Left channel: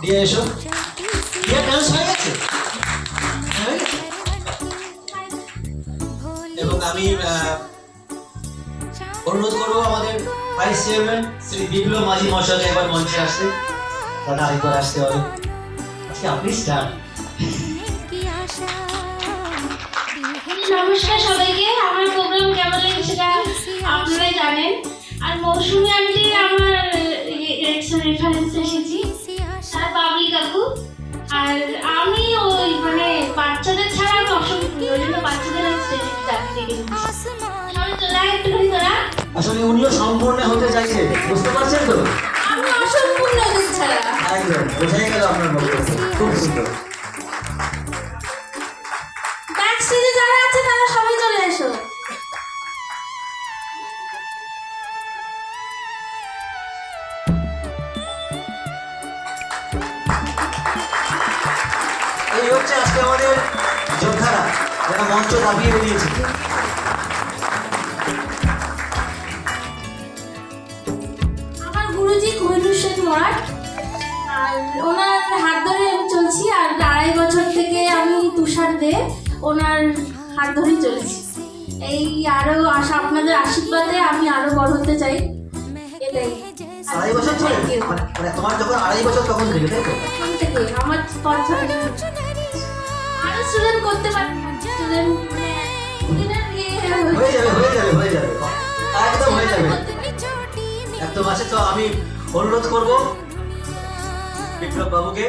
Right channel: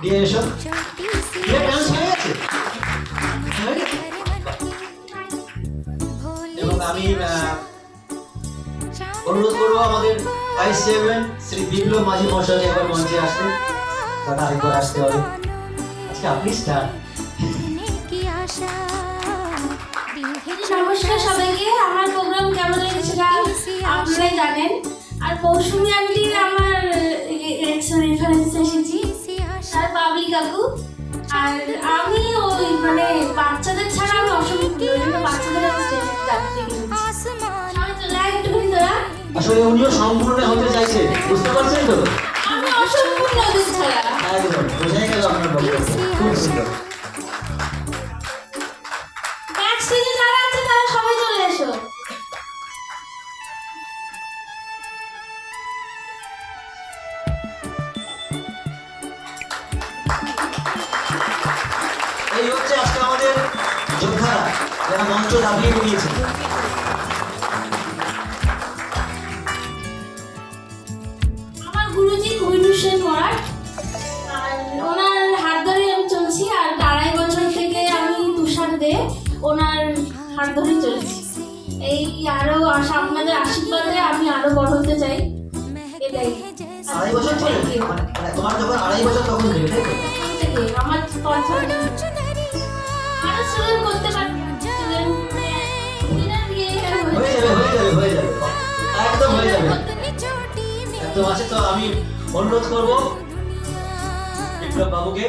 দিয়ে এসো। এবং আমি অনুরোধ করবো আমাদের ভাইস চেয়ারম্যান শ্রী বিপ্লব মাঝি মহাশয়কে এবার মঞ্চে আসতে। দাদা আরেকবার আসতে হবে। আজকে আপনি স্টার। নমস্কার সবাইকে। আমার প্রোগ্রাম কেমন লেগেছে আপনারা জানেন। আর মৌসুমী আন্টি আমার রেফারেন্স এসেছি, আর বাবলি কাকু। আর আমি ওই মানে বাচ্চাদের ছাড়া আমি বাচ্চাদের আসলে উনিও সম্পূর্ণ হতে চাইছে, বুঝতে পারছেন তো? আমি অসম্পূর্ণ ছাড়া একদম বোঝাই গেল আপনার বক্তব্য। খুব সুন্দর। ব্যাক স্টেজে যারা আছে তারা সবাই চলে এসো। এই হচ্ছে আজকে আমাদের যোদ্ধারা যারা মঞ্চ নামিয়ে বেরিয়েছে। আমার গুরুজি কোহিনুর সেন মরাট, আর ওনার হাত ধরে আমি চলছি। আর 2.5 বছর থেকে আমি তুষার দে ওনার হাত ধরে চলছি। এই আরো আপনাদের আশীর্বাদে আমি আরো বড় হতে চাই। এটাই 2.5 বছর ধরে? মানে তোমার যখন 2.5 বছর তখন থেকে আমার কথা আরো স্টুডেন্ট করতে পারি। হয়ে যাবে একদম হয়ে যাবে। একদম আছে। তো আমি অনুরোধ করব বিপ্লব বাবুকে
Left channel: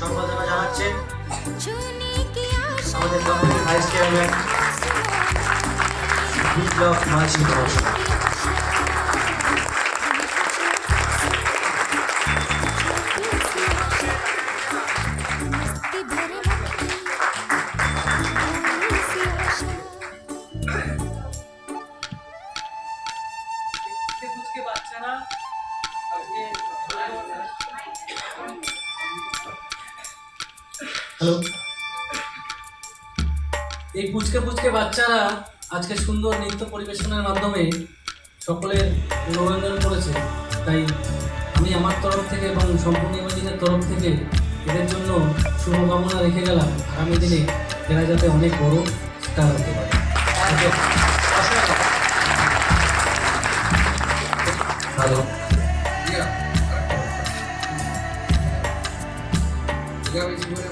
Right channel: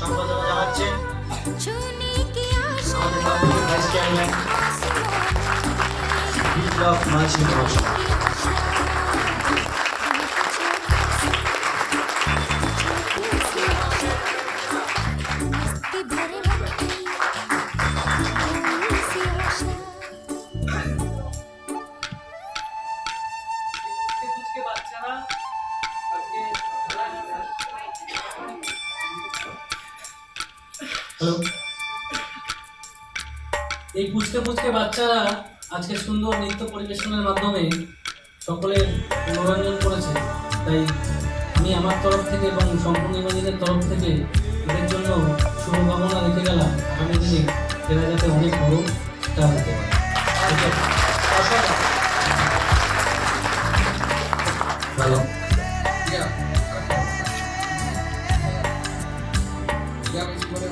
সম্পাদনা জানাচ্ছেন আমাদের ভাইস চেয়ারম্যান বিপ্লব মাঝি মহাশয়। এই পুচকে পুচকে বাচ্চারা আজকে সুন্দর নৃত্য পরিবেশনের মাধ্যমে সকলের মনোরঞ্জন করেছে। তাই আমি আমার তরফ থেকে এবং সম্পূর্ণ ইমাজিনের তরফ থেকে এদের জন্য শুভকামনা রেখে গেলাম। আগামী দিনে এরা যাতে অনেক বড় স্টার হতে পারে। ভালো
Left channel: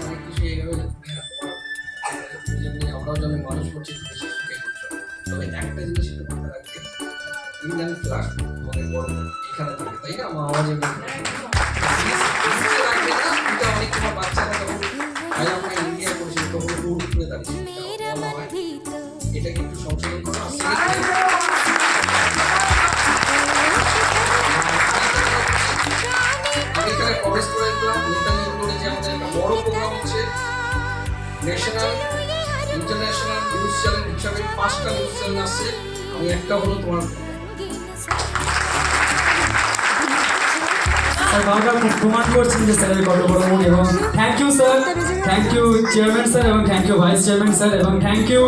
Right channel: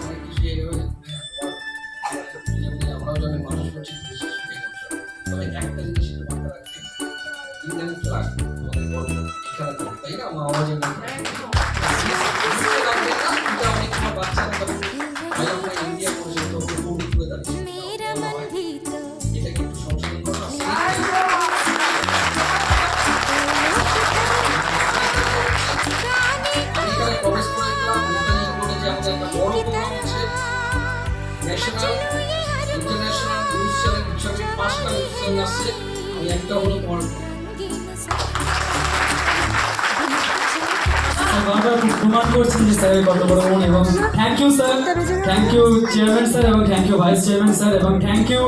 অনেক কিছু এইভাবে আমরাও যখন মানুষ করছি তবে একটা জিনিস মাথায় রাখতে ইন্ডিয়ান ফ্লাগ আমাদের বড় এখানে তাই না আমার আওয়াজে বাচ্চারা তখন ইন্ডিয়া করছে তখন উপরে দাঁড়িয়ে এটা কিন্তু সংশোধন করা আমি এখানে প্রবেশ করে যে আমাদের একটা বড় প্রোগ্রাম হচ্ছে ন্যাশনাল ইন্টারন্যাশনাল নিউজ চ্যানেল হিসাবে 5টা নিউজ চ্যানেল আসছে। আমি একটা হলো তোমার বারবার প্রমাণ করছেন যে স্যারের কত বড় মন। এবং thank you sir, thank you chairman sir, এবং thank you vice chairman sir, এবং থ্যাংক ইউ